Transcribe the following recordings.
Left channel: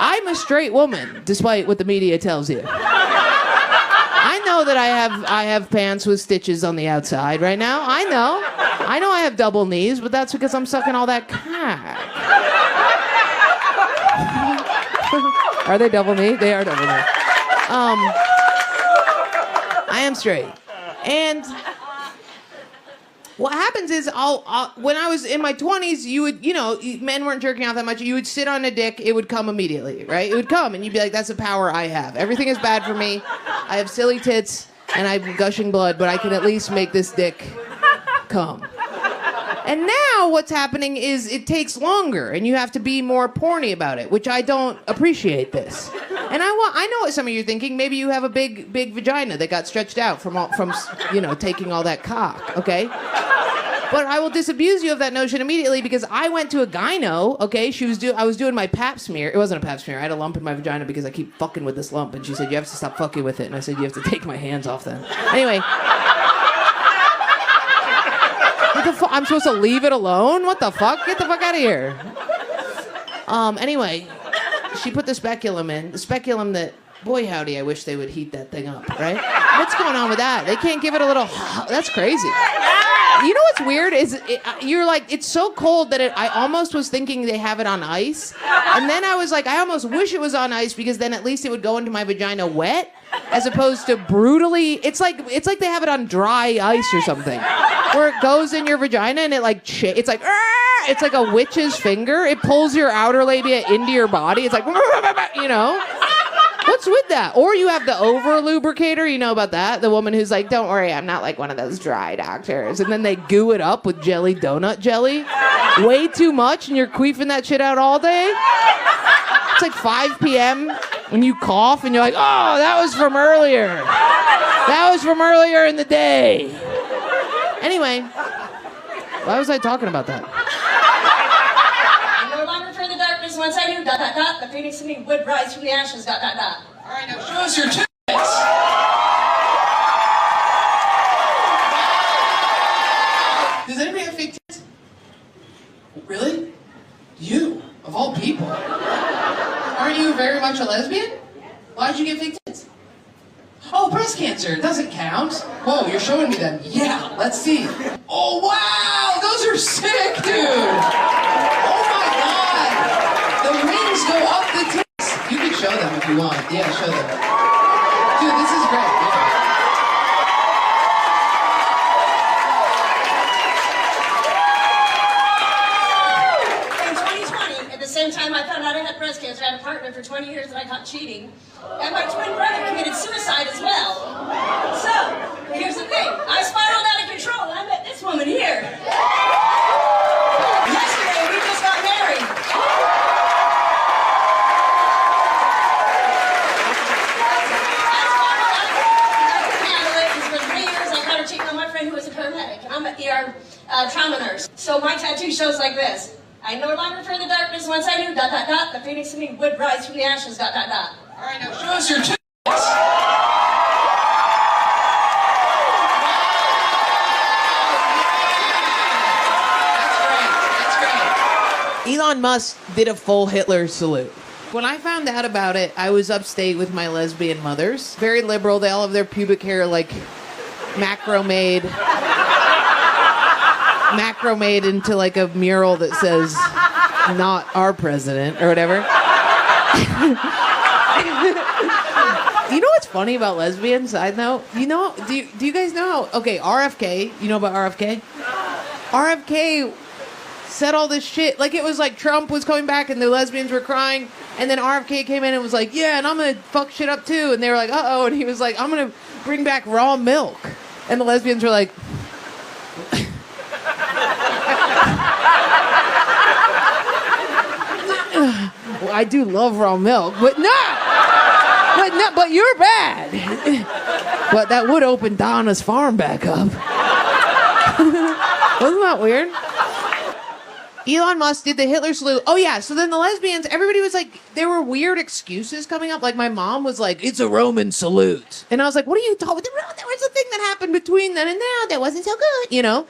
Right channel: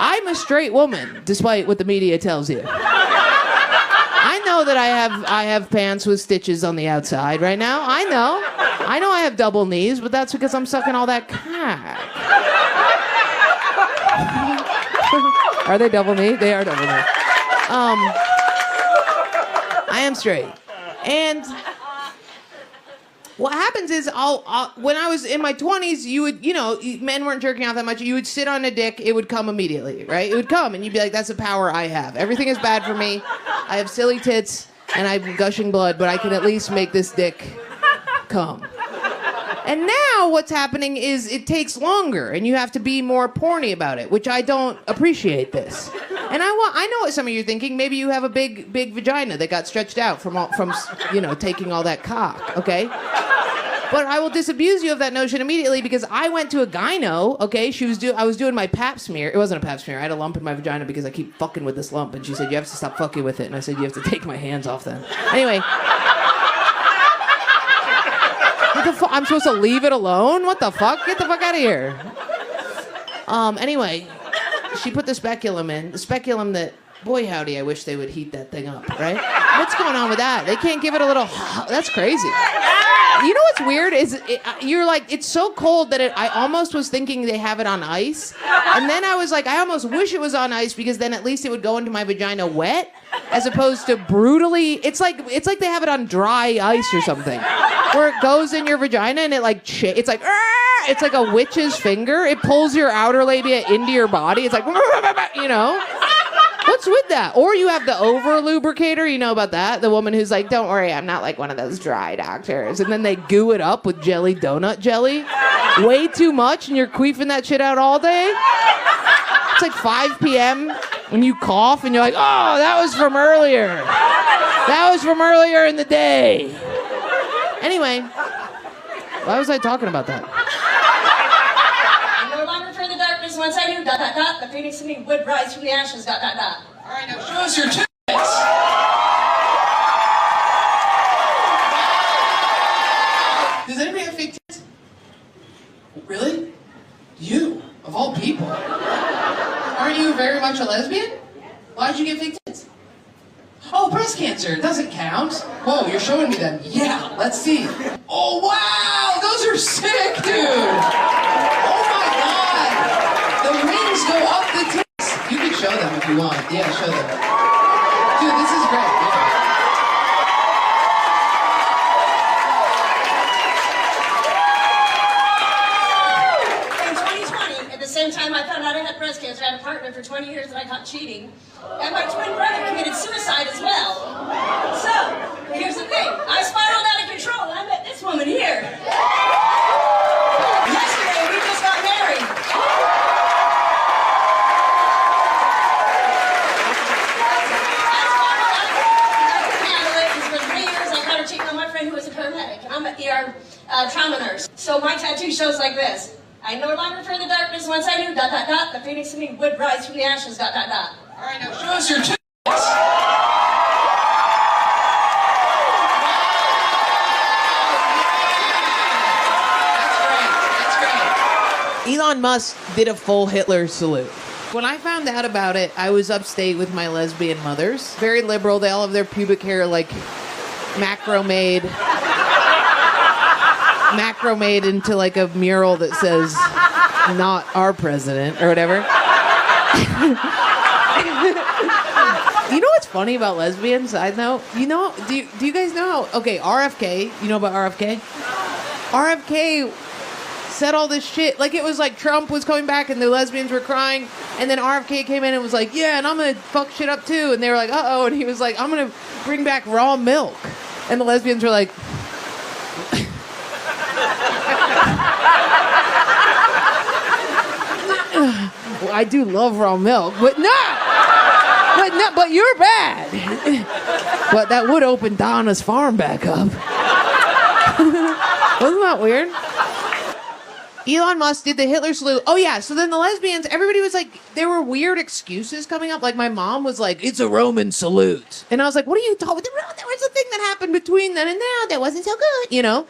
I'm a straight woman, despite what the media tells you. I know that I have pants with stitches on the outside right now. I know I have double knees, but that's because I'm sucking all that cock. Are they double knee? They are double knee. I am straight. And what happens is when I was in my 20s, you would, men weren't jerking off that much. You would sit on a dick, it would come immediately, right? It would come, and you'd be like, that's a power I have. Everything is bad for me. I have silly tits, and I'm gushing blood, but I can at least make this dick come. And now what's happening is it takes longer, and you have to be more porny about it, which I don't appreciate this. And I know what some of you are thinking. Maybe you have a big vagina that got stretched out from taking all that cock, okay? But I will disabuse you of that notion immediately because I went to a gyno, okay? I was doing my pap smear. It wasn't a pap smear. I had a lump in my vagina because I keep fucking with this lump. And she said, you have to stop fucking with it. And I said, you have to take my hands off then. Anyway. What the fuck? I'm supposed to leave it alone? What the fuck? Get the fuck out of here. Anyway, she put the speculum in. The speculum that, boy howdy, I wish they would heat that thing up, right? What's going on with that? They can't give it a little, that's crazy. You know what's weird is you're like, it's so cold that I almost was thinking they have it on ice. And then I was like, I almost wish it was on ice because then at least it would go into my vagina wet as opposed to brutally. It's like they have it on dry ice or something where it goes in your vagina and it it's like a witch's finger. It pulls your outer labia into your body. It's like, What's with that? Or you have the over lubricator, you know about that? The woman who's like, don't worry, I'm not like one of those dry doctors. And then they goo it up with jelly donut jelly. Way too much and you're queefing that shit out all day. It's like 5 p.m. when you cough and you're like, oh, that was from earlier. That was from earlier in the day. Anyway, why was I talking about that? Once I knew, the phoenix in me would rise from the ashes, All right, now show us your tits. Does anybody have fake tits? Really? You, of all people. Aren't you very much a lesbian? Why'd you get fake tits? Oh, breast cancer, it doesn't count. Whoa, you're showing me them. Yeah, let's see. Oh, wow, those are sick, dude. The wings go up the tits. You can show them if you want. Yeah, show them. Dude, this is great. In 2020, at the same time I found out I had breast cancer, I had a partner for 20 years that I caught cheating. And my twin brother committed suicide as well. So, here's the thing. I spiraled out of control and I met this woman here. Yesterday, we just got married. I'm an ER trauma nurse. So my tattoo shows like this. I no longer fear the darkness once I knew, the phoenix in me would rise from the ashes, All right, now show us your tits. That's great. Elon Musk did a full Hitler salute. When I found out about it, I was upstate with my lesbian mothers. Very liberal. They all have their pubic hair like macrame into like a mural that says not our president or whatever. You know what's funny about lesbians? Side note, do you guys know how, okay, RFK, you know about RFK? RFK said all this shit, like it was like Trump was coming back and the lesbians were crying, and then RFK came in and was like, yeah, and I'm gonna fuck shit up too, and they were like, uh-oh, and he was like, I'm gonna bring back raw milk, and the lesbians were like, well, I do love raw milk, but you're bad. But that would open Donna's farm back up. Wasn't that weird? Elon Musk did the Hitler salute. Oh yeah, so then the lesbians, everybody was like, there were weird excuses coming up. Like my mom was like, it's a Roman salute. And I was like, what are you talking about? There was a thing that happened between then and now that wasn't so good,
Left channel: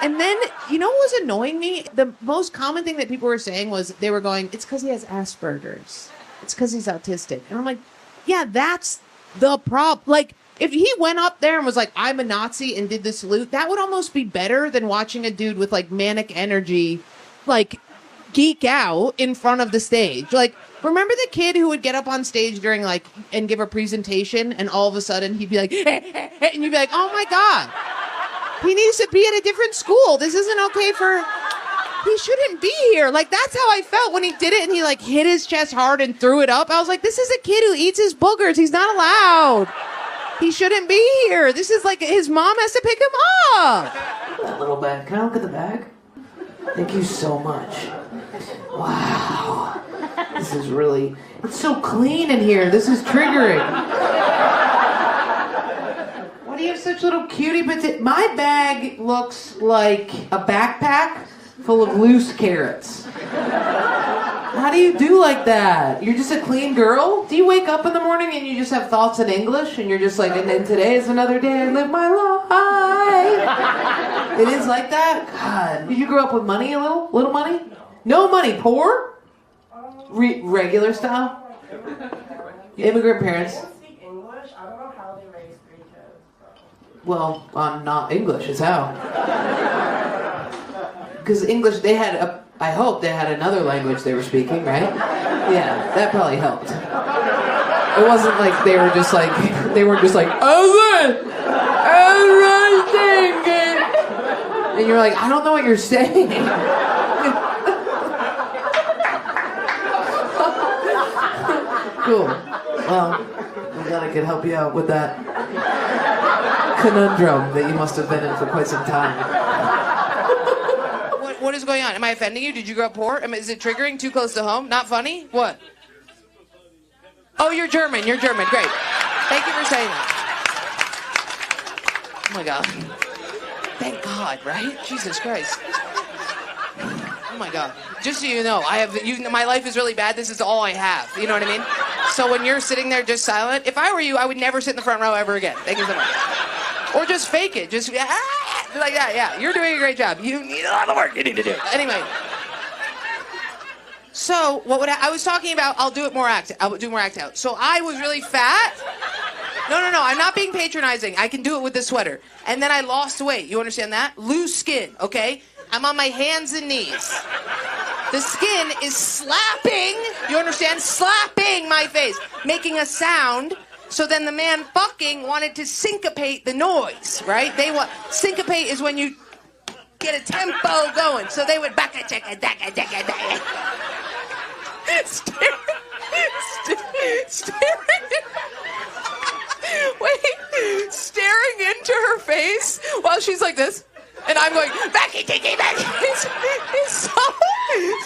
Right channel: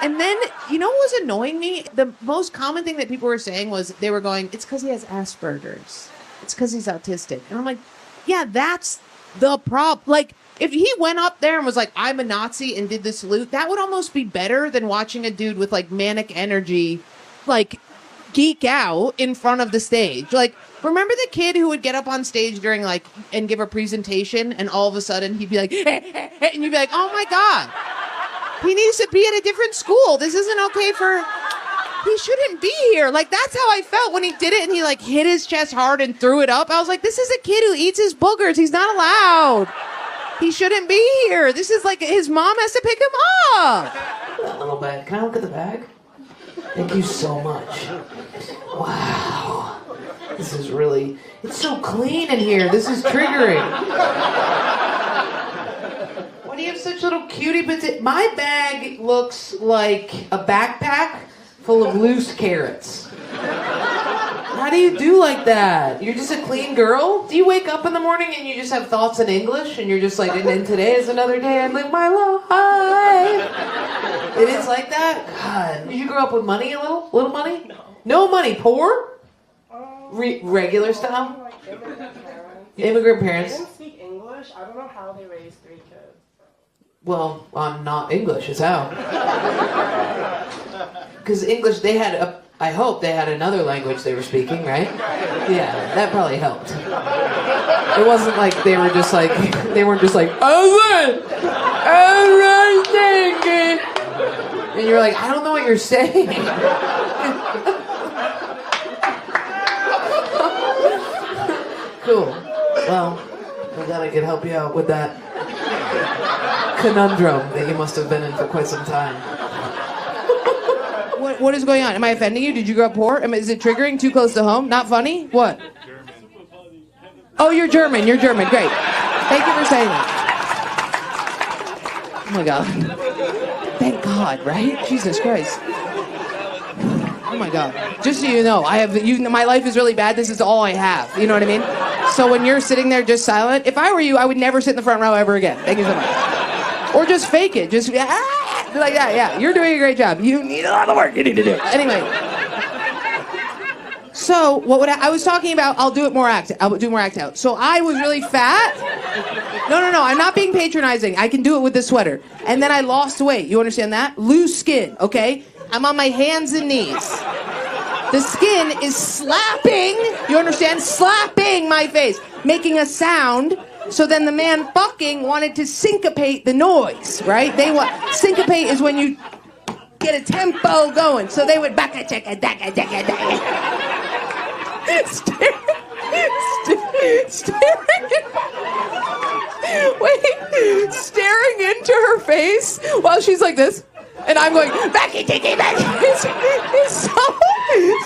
And then, you know what was annoying me? The most common thing that people were saying was they were going, it's because he has Asperger's. it's because he's autistic. And I'm like, yeah, that's the problem. Like, if he went up there and was like, I'm a Nazi and did the salute, that would almost be better than watching a dude with like manic energy, like geek out in front of the stage. Like, remember the kid who would get up on stage during like, and give a presentation and all of a sudden he'd be like, and you'd be like, oh my God, he needs to be at a different school. This isn't okay he shouldn't be here. Like, that's how I felt when he did it and he like hit his chest hard and threw it up. I was like, this is a kid who eats his boogers. He's not allowed. He shouldn't be here. This is like his mom has to pick him up. That little bag. Can I look at the bag? Thank you so much. Wow. This is really, it's so clean in here. This is triggering. Why do you have such little cutie bits? My bag looks like a backpack full of loose carrots. How do you do like that? You're just a clean girl? Do you wake up in the morning and you just have thoughts in English and you're just like, and then today is another day I live my life? It is like that? God. Did you grow up with money a little? Little money? No money. Poor? Regular style? Immigrant parents? They don't speak English. I don't know how they raise 3 kids. Well, I'm not English is how. Because English, they had I hope they had another language they were speaking, right? Yeah, that probably helped. It wasn't like they weren't just like, and you're like, I don't know what you're saying. Cool. Well, I'm glad I could help you out with that conundrum that you must have been in for quite some time. What is going on? Am I offending you? Did you grow up poor? Is it triggering? Too close to home? Not funny? What? Oh, you're German. You're German. Great. Thank you for saying that. Oh my God. Thank God, right? Jesus Christ. Oh my God. Just so you know, my life is really bad. This is all I have. You know what I mean? So when you're sitting there just silent, if I were you, I would never sit in the front row ever again. Or just fake it. Just, like that, yeah. You're doing a great job. You need a lot of work. You need to do it. Anyway. So, I was talking about, I'll do more act out. So I was really fat. No, I'm not being patronizing. I can do it with the sweater. And then I lost weight. You understand that? Loose skin, okay? I'm on my hands and knees. The skin is slapping, you understand? Slapping my face, making a sound. So then the man fucking wanted to syncopate the noise, right? Syncopate is when you get a tempo going. So they would staring into her face while she's like this. And I'm like, it's so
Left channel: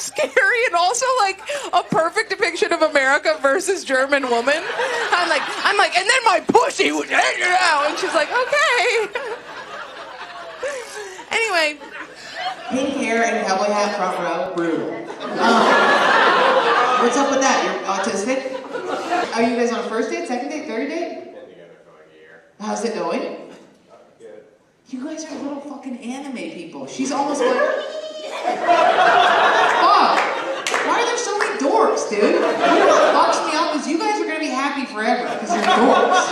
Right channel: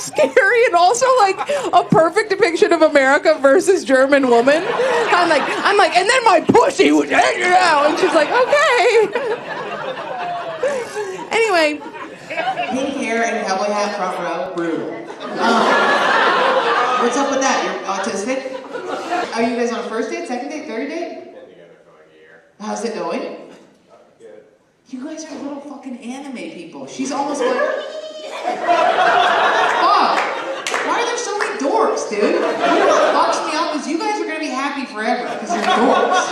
scary and also like a perfect depiction of America versus German woman. I'm like, and then my pussy would hang it out. And she's like, okay. Anyway. Pink hair and cowboy hat, front row, brutal. What's up with that? You're autistic? Are you guys on a first date, second date, third date? Been together for like a year. How's it going? Good. You guys are little fucking anime people. She's almost like... Fuck! Why are there so many dorks, dude? You know what fucks me up is you guys are gonna be happy forever because you're dorks.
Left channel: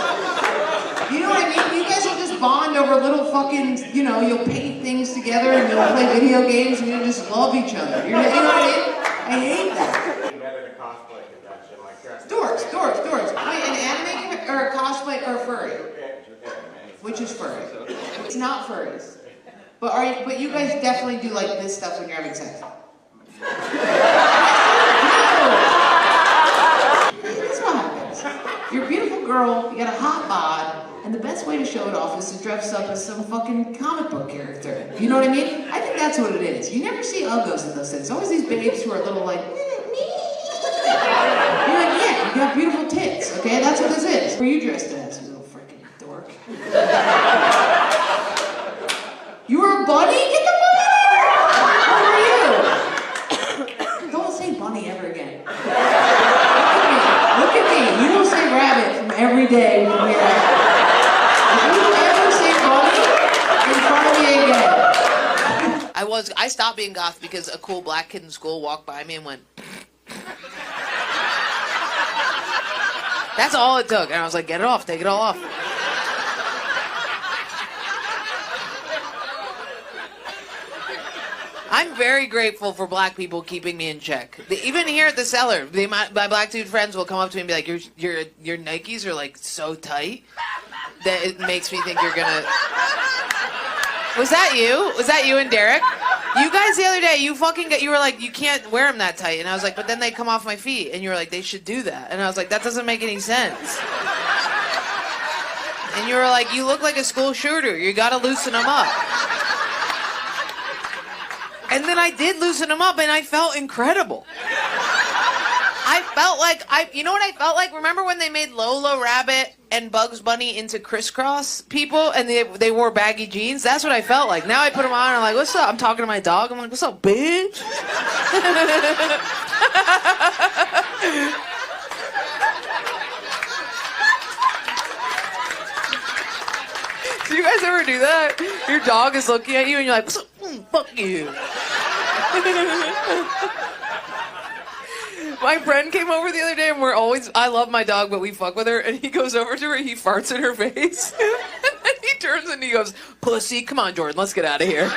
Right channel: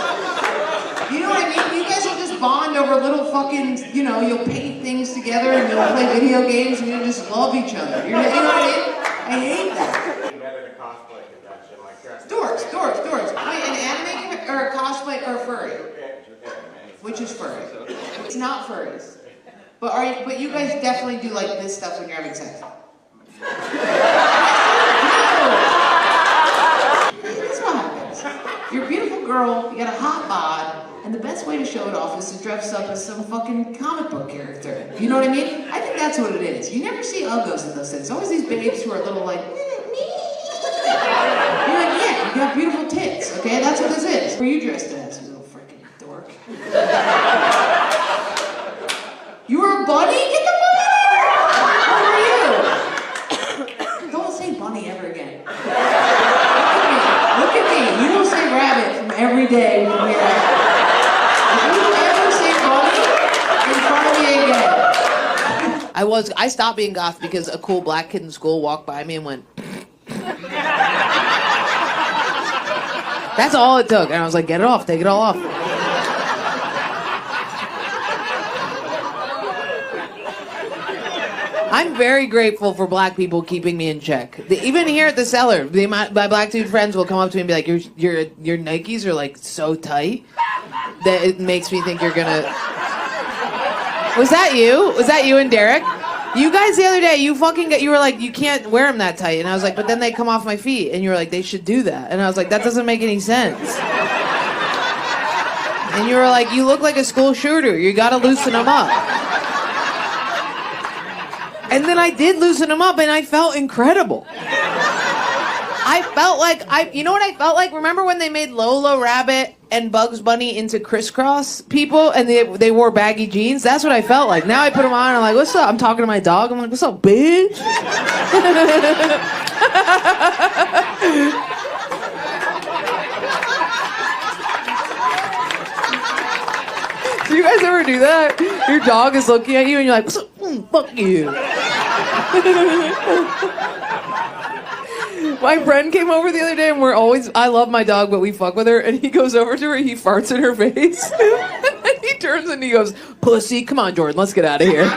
You know what I mean? You guys will just bond over little fucking, you'll paint things together and you'll play video games and you'll just love each other. You know what I mean? I hate that. Together to cosplay convention, like dressed. Dorks. Wait, an anime or a cosplay or a furry? Which is furry? It's not furries. But you guys definitely do like this stuff when you're having sex. That's what happens. You're a beautiful girl, you got a hot bod, and the best way to show it off is to dress up as some fucking comic book character. You know what I mean? I think that's what it is. You never see uggos in those things. It's always these babes who are a little like, You're like, yeah, you got beautiful tits, okay? That's what this is. Who are you dressed as, you little freaking dork? You were a bunny? Get the fuck out of here! Who are you? Don't say bunny ever again. Look at me. You will say rabbit from every day from here out. If you ever say bunny in front of me again. I stopped being goth because a cool black kid in school walked by me and went... That's all it took. And I was like, get it off, take it all off. I'm very grateful for black people keeping me in check. Even here at the cellar, my black dude friends will come up to me and be like, your Nikes are like so tight that it makes me think you're gonna... Was that you? Was that you and Derek? You guys the other day, you were like, you can't wear them that tight. And I was like, but then they come off my feet. And you were like, they should do that. And I was like, that doesn't make any sense. And you were like, you look like a school shooter. You gotta loosen them up. And then I did loosen them up, and I felt incredible. I felt like, you know what I felt like? Remember when they made Lola Rabbit and Bugs Bunny into crisscross people, and they wore baggy jeans? That's what I felt like. Now I put them on, and I'm like, what's up? I'm talking to my dog. I'm like, what's up, bitch? Do you guys ever do that? Your dog is looking at you, and you're like, fuck you. My friend came over the other day, and I love my dog, but we fuck with her, and he goes over to her, and he farts in her face. He turns and he goes, pussy, come on, Jordan, let's get out of here.